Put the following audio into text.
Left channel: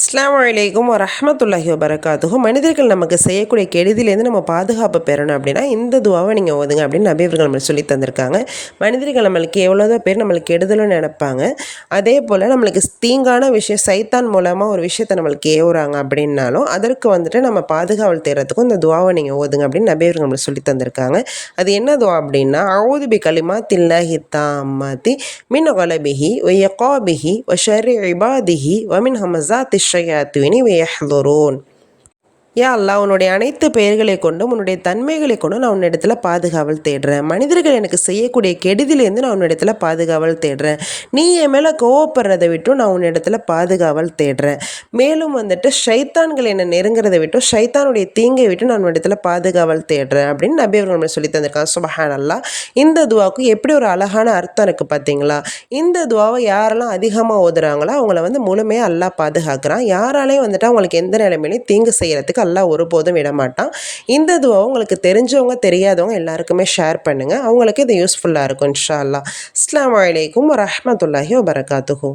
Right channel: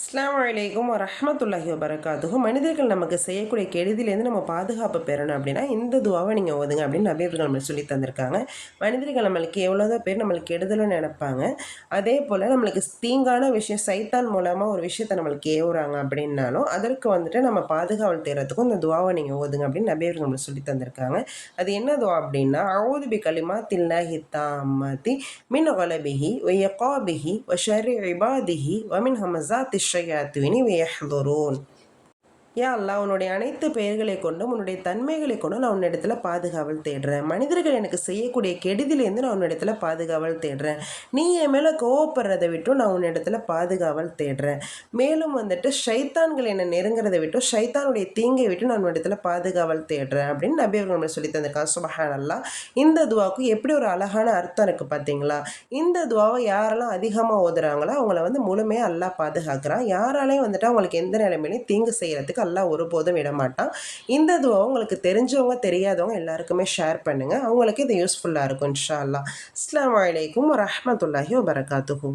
அஸ்ஸலாமு அலைக்கும் வரஹ்மத்துல்லாஹி வபரகாத்துஹு. மனிதர்கள் நமக்கு செய்யக்கூடிய கெடுதியிலேருந்து நம்ம பாதுகாப்பு பெறணும் அப்படின்னா இந்த துவாவை நீங்கள் ஓதுங்க அப்படின்னு நபி அவர்கள் நம்மளுக்கு சொல்லி தந்திருக்காங்க. மனிதர்கள் நம்மளுக்கு எவ்வளோதான் பேர் நம்மளுக்கு கெடுதலும் நினைப்பாங்க. அதே போல் நம்மளுக்கு தீங்கான விஷயம் சைத்தான் மூலமாக ஒரு விஷயத்தை நம்மளுக்கு ஏவுறாங்க அப்படின்னாலும் அதற்கு வந்துட்டு நம்ம பாதுகாவல் தேடுறதுக்கும் இந்த துவாவை நீங்கள் ஓதுங்க அப்படின்னு நபி அவர்கள் நம்மளுக்கு சொல்லி தந்திருக்காங்க. அது என்ன துவா அப்படின்னா, அஊது பி கலிமாத்தில்லாஹி தாம்மாத்தி மின் கலபிஹி வ யகாபிஹி வ ஷர்ரி இபாதிஹி வ மின் ஹமஸாத்தி ஷயாத்தீனி வ யஹ்துரூன். யா அல்லாஹ், உன்னுடைய அனைத்து பெயர்களை கொண்டும் உன்னுடைய தன்மைகளை கொண்டும் நான் உன்னிடத்தில் பாதுகாவல் தேடுறேன். மனிதர்கள் எனக்கு செய்யக்கூடிய கெடுதிலேருந்து நான் உன்னிடத்தில் பாதுகாவல் தேடுறேன். நீ என் மேலே கோவப்படுறதை விட்டும் நான் உன்னிடத்தில் பாதுகாவல் தேடுறேன். மேலும் வந்துட்டு ஷைத்தான்கள் என்னை நெருங்குறதை விட்டும் ஷைத்தானுடைய தீங்கை விட்டு நான் உன்னிடத்தில் பாதுகாவல் தேடுறேன் அப்படின்னு நபி அவர்கள் நம்மளுக்கு சொல்லி தந்திருக்காங்க. சுப்ஹானல்லாஹ். இந்த துவாவுக்கு எப்படி ஒரு அழகான அர்த்தம் இருக்குது பார்த்தீங்களா? இந்த துவாவை யாரெல்லாம் அதிகமாக ஓதுறாங்களோ அவங்கள முழுமையாக அல்லாஹ் பாதுகாக்கிறான். யாராலையும் வந்துட்டு அவங்களுக்கு எந்த நிலைமையிலையும் தீங்கு செய்கிறதுக்கு அல்லாஹ் ஒருபோதும் விட மாட்டான். இந்த துவா உங்களுக்கு தெரிஞ்சவங்க தெரியாதவங்க எல்லாருக்குமே ஷேர் பண்ணுங்கள். அவங்களுக்கு இது யூஸ்ஃபுல்லாக இருக்கும் இன்ஷா அல்லாஹ். அஸ்ஸலாமு அலைக்கும் வரஹ்மத்துல்லாஹி வபரகாத்துஹு.